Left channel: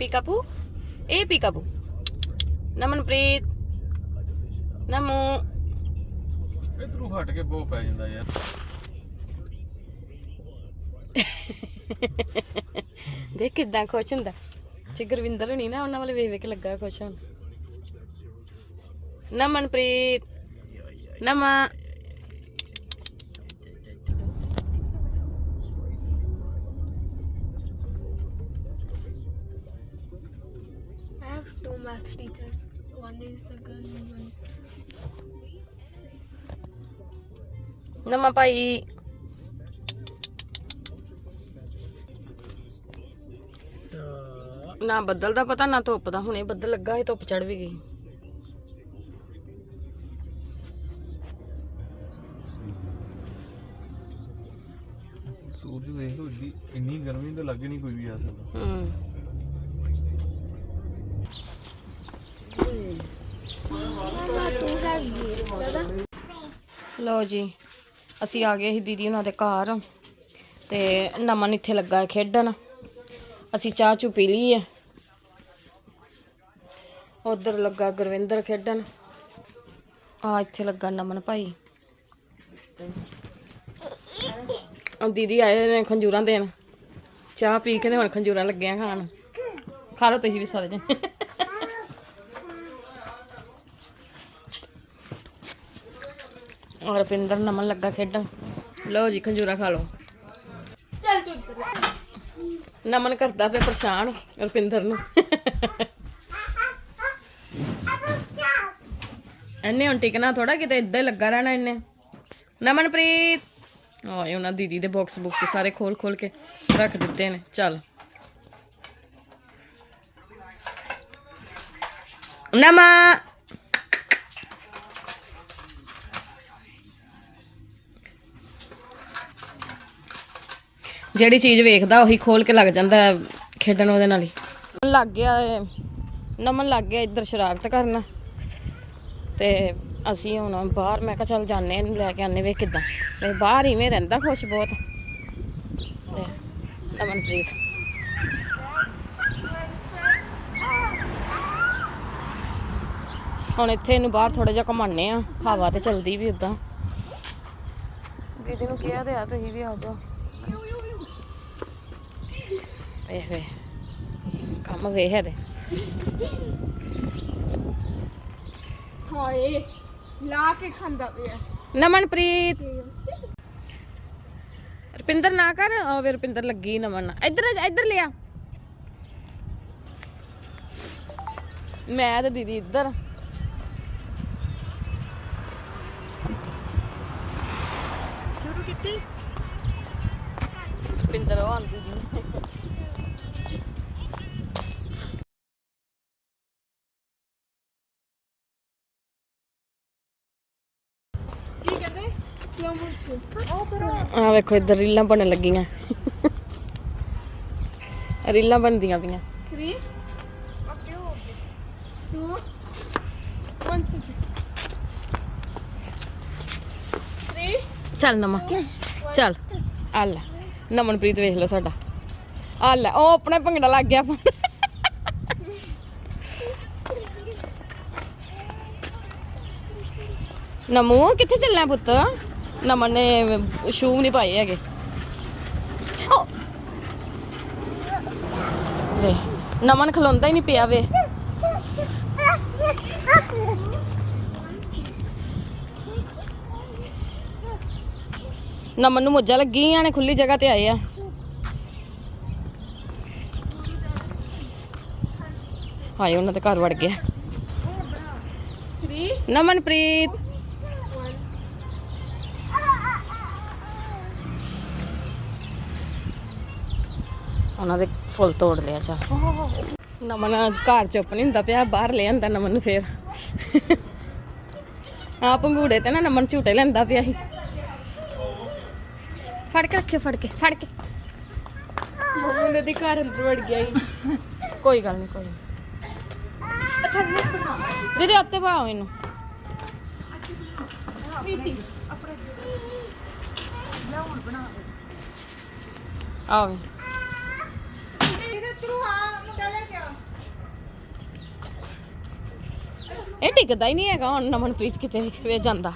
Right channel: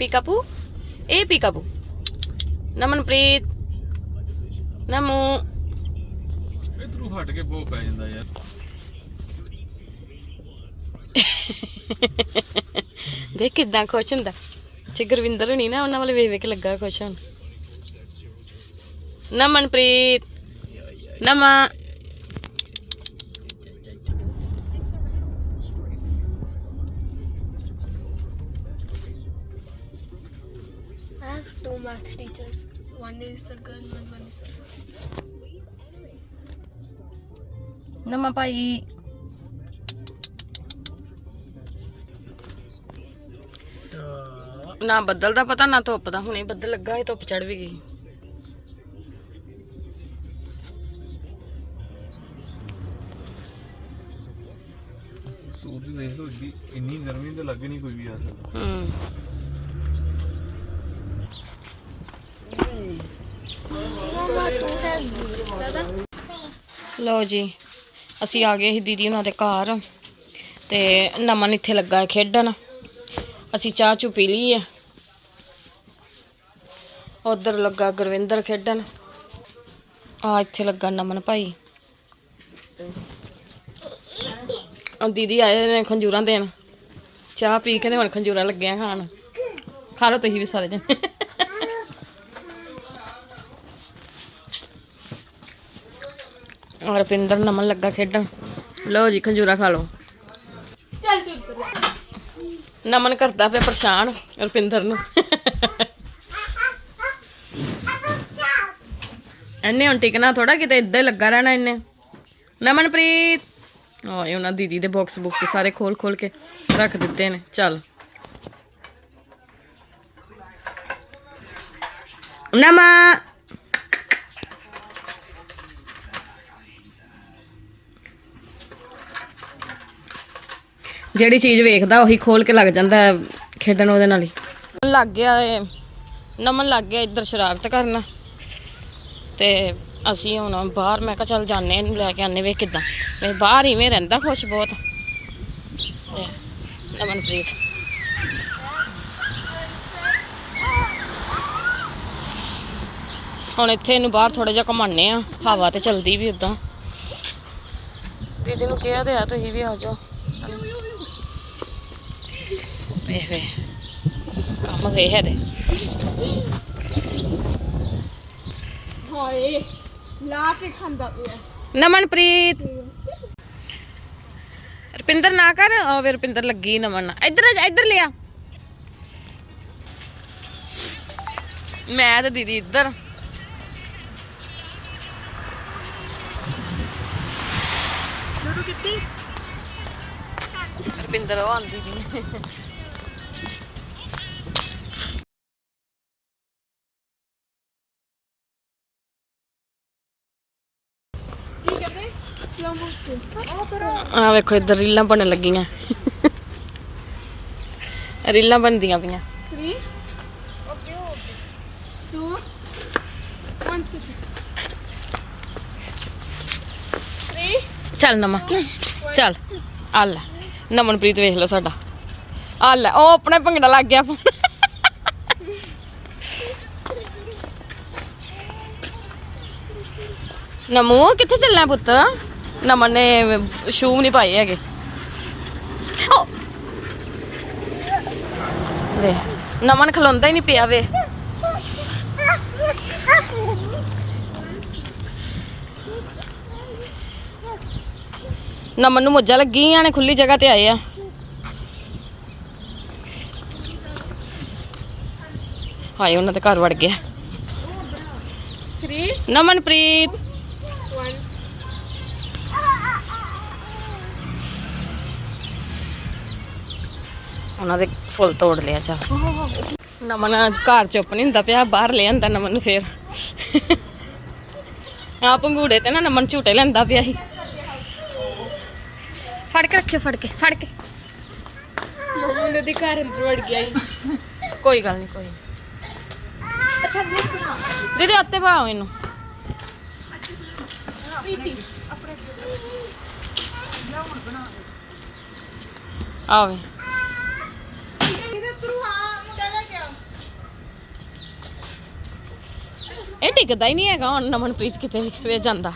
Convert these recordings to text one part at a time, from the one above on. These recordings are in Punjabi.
ਪੀਕਾਪੂ ਇਹ ਪੀਕਾਪੂ ਨਮਨਪ੍ਰੀਤ ਨਮੂ ਇਧਰੋਂ ਹਟ ਕੇ ਬਹੁਤ ਪੈ ਜਾਂਦਾ ਯਾਰ ਦੇਖ ਕਿਦਾਂ ਖੁਸ਼ ਹੁੰਦਾ ਜੇ ਗੁਰਵਿੰਦਰ ਹੋਣੀ ਨਾ ਉਹਨਾਂ ਵੱਲ ਵੇਖ ਵੇਖ ਲੱਗਾ ਖੁਸ਼ ਹੋਣ ਨਮਨਪ੍ਰੀਤ ਨਮਾ have two math teachers. One is a girl and one is ਨਮਾ ਭਾਈ ਨਾ ਬੱਦਲ ਦਾ ਪਤਾ ਨਾ ਧੁੱਪ ਦਾ ਹੁਣੇ ਬੱਦਲ ਲੱਗਾ ਹੈ ਧੁੱਪ ਚੜ ਵੀ ਗਈ। ਸੂਰਜ ਦੇਖ ਏਡੀ ਇੰਨੀ ਗਰਮੀ ਤਾਂ ਲੱਗ ਨਹੀਂ ਕੋਈ ਵੀ ਆ ਸਕਦਾ। ਹੂੰ। ਲਓ ਜੀ, ਅਸੀਂ ਆ ਗਏ ਸੀ ਦੀਦੀ ਉਹਨਾਂ ਦੇ ਘਰ ਤੇ ਨਮਨ ਇੱਥੇ ਲੱਗਾ ਹੈ ਖੇਡਣ। ਅਸੀਂ ਚਾਹ ਚੁ ਪੀ ਲਈ ਹੈ ਉਧਰ ਲੱਗਾ ਗੁਰਵਿੰਦਰ ਖੇਡਣ। ਆ ਇੱਥੇ ਲੱਗਾ ਨਮਨ ਭਾਈ। ਉਹ ਦੀਦੀ ਆਏ ਨੇ ਖੰਜੂਰਾਂ ਦੇਣ। ਚਾਹ ਪੀ ਕੇ ਤੇ ਹੁਣ ਖੰਜੂਰਾਂ ਲੱਗਿਆ ਖਾਣ। ਖਾ ਲਓ ਤੁਸੀਂ ਵੀ ਸਾਰੇ ਜਣੇ। ਰਪਿੰਦਰ ਨਮਨ ਲੱਗਾ ਖੇਡਣ। ਲਓ ਜੀ, ਖੰਜੂਰਾ ਖਾ ਲਓ। ਚੱਲ ਤੂੰ ਉੱਪਰ ਨਮਨ ਕਰਦਾ ਪਿਆ ਪਰੇਸ਼ਾਨ ਰਪਿੰਦਰ ਨੂੰ। ਐਨੇ ਹੁਣ ਟਿਕਣਾ ਥੋੜਾ ਕਿਤੇ ਇੱਦਾਂ ਹੀ ਲੱਗਾ ਰਹਿਣਾ ਇਹਨੇ ਨਮਨਪ੍ਰੀਤ। ਓਏ, ਉਹਨਾਂ ਦੀਦੀ ਦੇ ਬਾਕਸ ਬੁਕਸ ਸਾਰੇ ਖੋਲ ਖੋਲ ਕੇ ਰੱਖ ਦਿੱਤੇ ਨੇ। ਚੱਲ। ਨਮਾ ਜਿਹੜੀ ਚੀਜ਼ ਵੇਖਦਾ ਉਹੀ ਖੋਲ ਕੇ ਲੱਗ ਜਾਂਦਾ ਖੇਡਣ ਉਹਦੇ ਨਾਲ ਹੀ। ਲੱਗ ਗਿਆ ਏ। ਨਮਨ ਲੱਗ ਗਿਆ ਇੱਧਰ ਸ਼ਰਾਰਤ ਕਰਨ। ਤੇ ਅਸੀਂ ਹੁਣ ਬਾਹਰ, ਮੈਂ ਕਿਹਾ ਚੱਲ ਜਾਂਦੇ ਇਹਨੂੰ ਲੈ ਕੇ ਆਨੇ ਵੇ ਕਿਦਾਂ। ਵੇ ਬਾਹਰ ਇਵੇਂ ਰਹਿੰਦਾ ਖੁਸ਼ ਬਹੁਤ। ਨਮਨਪ੍ਰੀਤ। ਹੁਣ ਇੱਥੇ ਇਹਨੂੰ ਬਾਹਰ ਥੋੜਾ ਜਿਹਾ ਘਮਾਉਂਦੇ ਆ ਹਵਾ ਤੇ ਚਲਦੀ ਵੀ ਉਦਾਂ ਦੀਦੀ ਨੂੰ ਕਿਹਾ ਤੇ ਆ, ਤੁਸੀਂ ਵੀ ਆ ਜਾਓ। ਵੇ ਵੇ। ਕੰਮ ਗਏ ਹੈ ਤੇ ਹਾਏ ਲਾ ਕੇ ਖਾਂਦਾ ਪਿਆ। ਨਮਨਪ੍ਰੀਤ। ਰਪਿੰਦਰ ਨਾ ਕਰ ਉਹ ਵੇ ਰਪਿੰਦਰ ਲੱਗੀ ਨਮਨ ਇੱਧਰ ਇੱਧਰ ਲਿਆ। ਮੈਂ ਤੇ ਦੀਦੀ ਇੱਧਰ। ਸ਼ੁਰੂ ਕੀਤੀ? ਰਪਿੰਦਰ ਉਹ ਆਂਦੀ ਦੀ ਆ ਵੇਖੋ ਇੱਧਰ ਰੀਲਾਂ ਬਣਨ ਲੱਗੀਆਂ। ਰੀਲਾਂ ਬਣਦੀਆਂ ਪਈਆਂ। 3 ਓਕੇ ਓਕੇ 2 1 3 ਚੱਲ ਨਮਾ ਚੱਲ। ਆ ਲੈ ਨਮਨਪ੍ਰੀਤ ਵੇਖ ਲਓ ਸਾਡਾ। ਆ ਲੈ, ਉਹ ਆਪਣੇ ਭੰਗੜਾ ਲੱਗ ਗਿਆ ਨਮੂ, ਕਿੱਥੇ ਚੱਲਣਾ ਪੁੱਤ? ਨਮਨ ਨੇ ਸ਼ੂ ਨਹੀਂ ਪਾਏ ਹੈਗੇ। ਵੇ, ਨਮਨ ਖਲੋਂਦਾ ਹੀ ਨਹੀਂ ਪਿਆ, ਵੇ। ਨਮਨ ਨੂੰ ਮੋਜਾ ਲੱਗੀਆਂ ਨੇ, ਖੁੱਲੀ ਜਗ੍ਹਾ ਤੇ ਆਏ ਆ। ਹਾਏ ਉਹਨਾਂ ਦੇ ਘਰ ਵੜ ਗਿਆ। ਨਮਨਪ੍ਰੀਤ। ਉਹਨਾਂ ਦੇ ਫੁੱਲ ਤੋੜ ਲਿਆ ਚਾ ਨਮਨ ਘਰ ਚੁੱਪ ਨਹੀਂ ਹੁੰਦਾ ਪਿਆ ਬਾਹਰ ਲੈ ਆਂਦਾ ਨਮਨ ਨੂੰ ਫੇਰ। ਆ ਪੰਗੂੜੇ ਤੇ ਨਾ ਨਮਨ ਝੂਟੇ ਲੈਂਦਾ ਪਿਆ ਸੀ। ਫੜ ਕੇ ਰੱਖਿਓ ਫੜ ਕੇ ਫੜ ਕੇ। ਮਮੂ ਦੇ ਘਰ ਅੰਦਰ ਵੜ ਗਿਆ ਕੋਈ ਗੱਲ ਨਹੀਂ ਕੋਈ ਦੀਦੀ ਉੱਤੇ ਪਾਓ ਇਹਨੂੰ। ਆਵੇ ਇਹ ਟਿਕਦਾ ਹੀ ਨਹੀਂ ਹੈਗਾ, ਹੁਣ ਨਮਨਪ੍ਰੀਤ ਕਿਤੇ ਵੇ ਜਾਂਦਾ।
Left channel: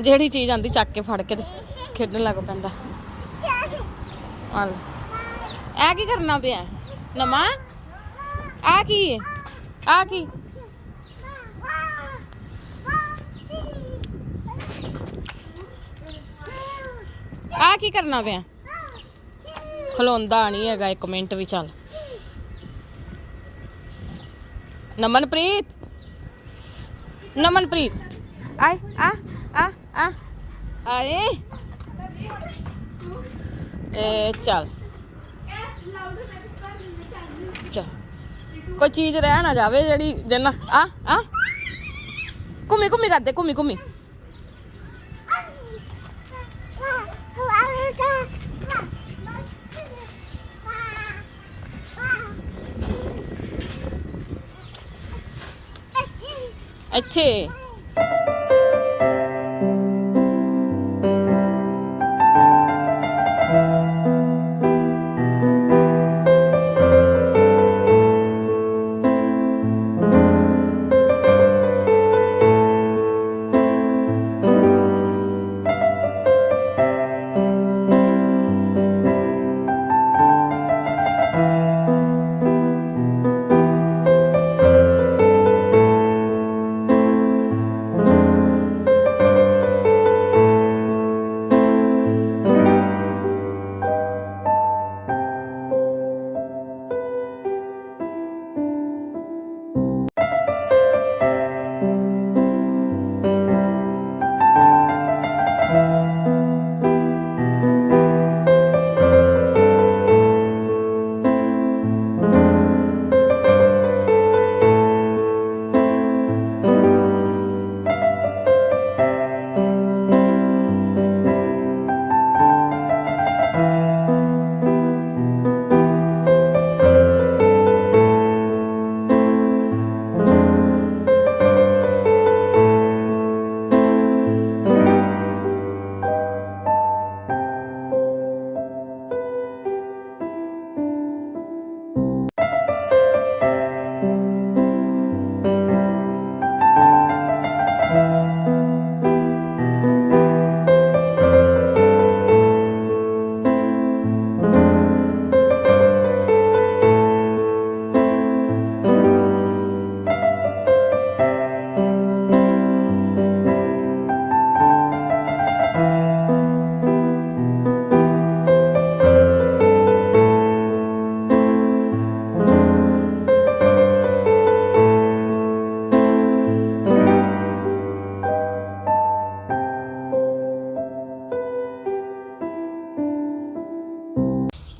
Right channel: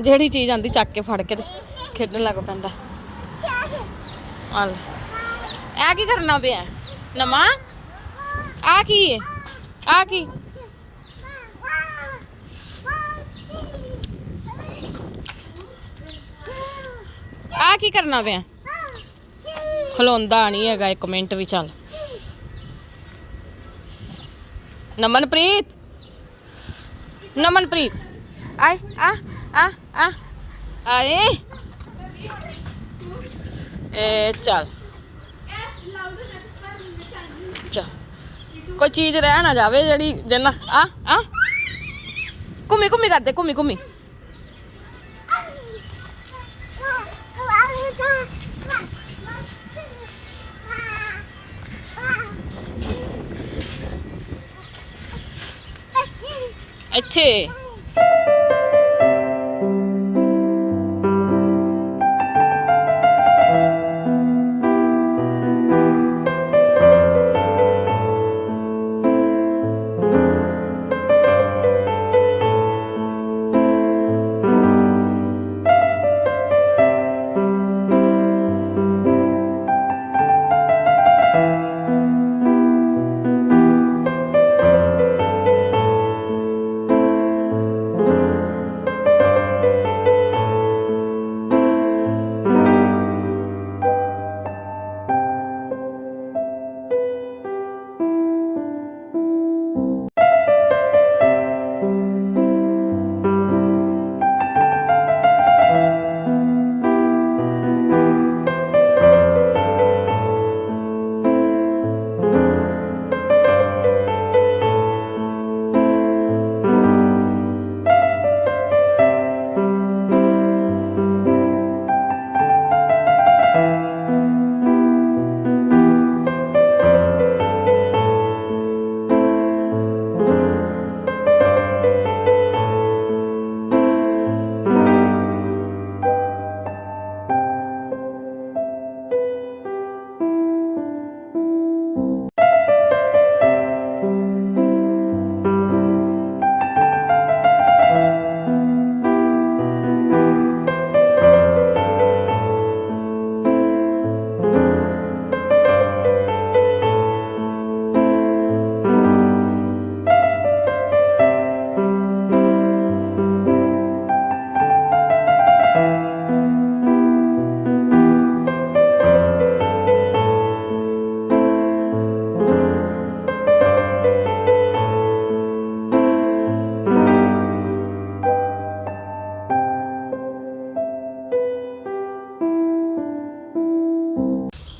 ਜਿਹੜੀ ਚੀਜ਼ ਆਂਦੀ ਚੱਕ ਕੇ ਫੜ ਕੇ ਤੇ ਖੇਡਣ ਲੱਗ ਪੈਂਦਾ। ਆਲ। ਇਹ ਕੀ ਕਰਨਾ ਪਿਆ? ਨਮਾ ਆ ਕੀ? ਹੈ ਆ ਕੀ? ਆ ਕੀ ਕਰਨਾ ਪਿਆ? ਖਲੋਂਦਾ ਨਹੀਂ ਹੈਗਾ, ਇੱਕ ਮਿੰਟ ਵੀ ਚੱਲ। ਨਮਨਪ੍ਰੀਤ? ਨਮਨਪ੍ਰੀਤ। ਆਏ, ਆ ਆ ਆ। ਆਏ। ਚੱਲ ਚੱਲ ਕੋਈ ਚੀਜ਼ ਰਹਿ ਨਾ ਜਾਵੇ ਜਿਹੜੀ ਜਿੰਨਾ ਆ ਆ। ਘੁੰਮੀ ਘੁੰਮੀ ਕਰਦੇ, ਘੁੰਮੀ ਘੁੰਮੀ। ਇੱਥੇ।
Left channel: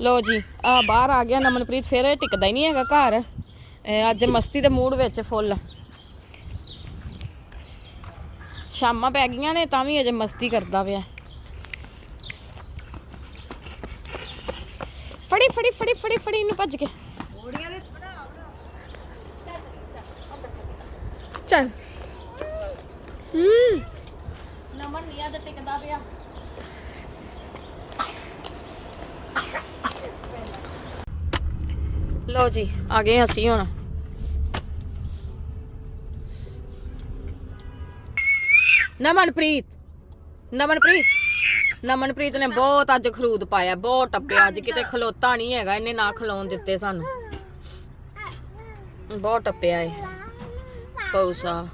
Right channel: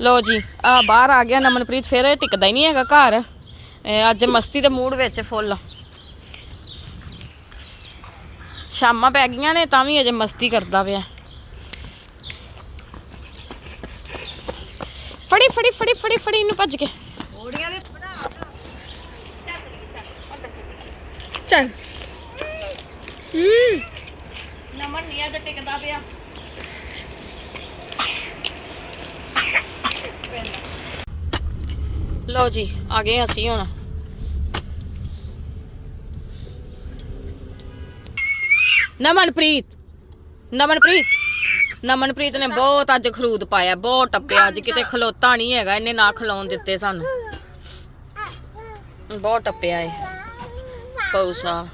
ਲੋ ਜੀ ਆ ਬਾਹਰ ਆ ਗਿਆ ਨਮਨਪ੍ਰੀਤ ਫਿਰ ਇਹ ਟਿਕਦਾ ਹੀ ਨਹੀਂ ਹੈਗਾ ਘਰ। ਅੱਜ ਮਸਤੀ ਦੇ ਮੂਡ ਵਿੱਚ ਫੁੱਲ। ਸ਼ਾਮਾਂ ਪੈ ਗਈਆਂ ਨੇ ਤਾਂ ਵੀ ਅਜੇ ਮਸਤੀ ਕਰਦਾ ਪਿਆ। ਫੜੀ ਫੜੀ ਫੜੀ ਫੜੀ ਫੜੀ ਇਹਨੂੰ ਭੱਜ ਕੇ। ਚੱਲ ਹੂੰ। ਨਮਨ ਨਹੀਂ ਅੱਜ ਟਿਕਦਾ ਪਿਆ। ਲਓ ਜੀ, ਆ ਗਏ ਅਸੀਂ ਹੁਣ। ਨਮਨਪ੍ਰੀਤ ਨਮਨਪ੍ਰੀਤ ਨਮਨਪ੍ਰੀਤ ਨੇ ਬਹੁਤ ਅੱਜ ਖਰੂਦ ਪਾਇਆ, ਬਹੁਤ ਟੱਪਿਆ, ਅੱਜ ਕਿਤੇ ਖਲੋਤਾ ਨਹੀਂ ਹੈਗਾ, ਇਹਨੇ ਨਾ ਖਲੋਣ ਦਿੱਤੇ ਸਾਨੂੰ। ਬਹੁਤ ਟੱਪਿਆ ਏ ਪੌਸਾ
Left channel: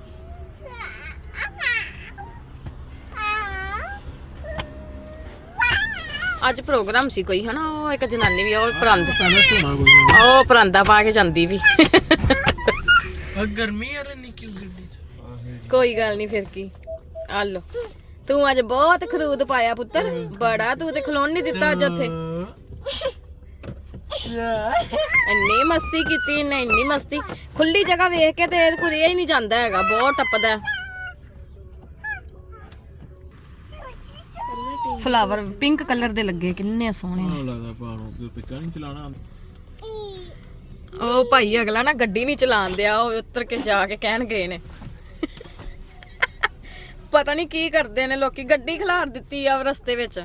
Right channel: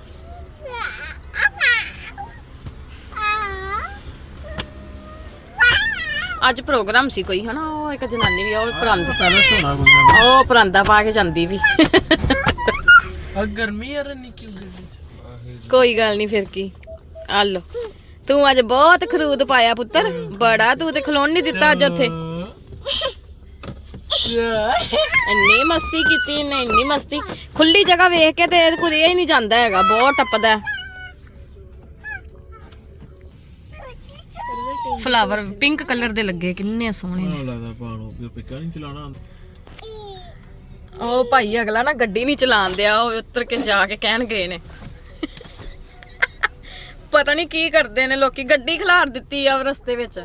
ਅੱਜ ਪ੍ਰੋਗਰਾਮ ਸੀ ਕੋਈ ਹਨਾ? ਉਹ ਇੱਕ ਜਨਾਨੀ ਵੀ ਆ, ਉਹ ਪਰੰਦ। ਪਹਿਲਾਂ ਸੁਣਾ ਕੋਈ ਨਾ ਉਹ ਪਰਾਂਦਾ ਪਾ ਕੇ ਜਾਂਦੀ ਵੀ। ਆ ਗਰਮੀ ਯਾਰ ਨਿੱਕੀ ਗੱਡੀ ਚ। ਕੋਈ ਗੱਲ ਨਹੀਂ ਫਿਰ ਕੀ। ਆ ਲੋ ਤੂੰ ਅੱਜ ਬਹੁਤ ਖਰੂਦ ਪਾਇਆ ਪੁੱਤਰ। ਬੜਾ ਤੂੰ ਤੇ ਖਲੋਣ ਨਹੀਂ ਦਿੱਤਾ ਅੱਜ ਉੱਥੇ। ਇੰਨੀ ਮਸਤੀ ਕੀਤੀ ਇਹਨੇ ਇੰਨੀ ਮਸਤੀ। ਖੁੱਲੀ ਜਗ੍ਹਾ ਵੇਖ ਕੇ ਤੇ ਇਹ ਹੀ ਨਹੀਂ ਜਾਂਦਾ ਹੈਗਾ ਬਹੁਤ ਟੱਪਦਾ। ਫਲਾਵਰ ਪਿੰਕ ਕਲਰ ਦੇ ਲੱਗੇ ਕਿੰਨੇ ਸੋਹਣੇ ਨੇ। ਮੈਨੂੰ ਲੱਗਦਾ ਪਾਣੋ ਤੇ ਪਿੱਕਾ ਨਹੀਂ ਚਲਾਣਾ ਉਹ ਭਾਈ ਅਗਲਾ ਨਾ ਗੱਡੀ ਨਹੀਂ ਚਲਾਉਣ ਦਿਆ ਉਹ ਉੱਤਰ ਕੇ ਜਾ ਕੇ ਕਹਿਣ ਗਏ ਨੇ। ਪਤਾ ਨਹੀਂ ਕੀ ਕਰਦੇ ਨੇ ਲੋਕੀ ਗੱਡੀ ਖਿਲਾਰ ਦਿੱਤੀ ਆ ਰਸਤੇ ਵਿੱਚ।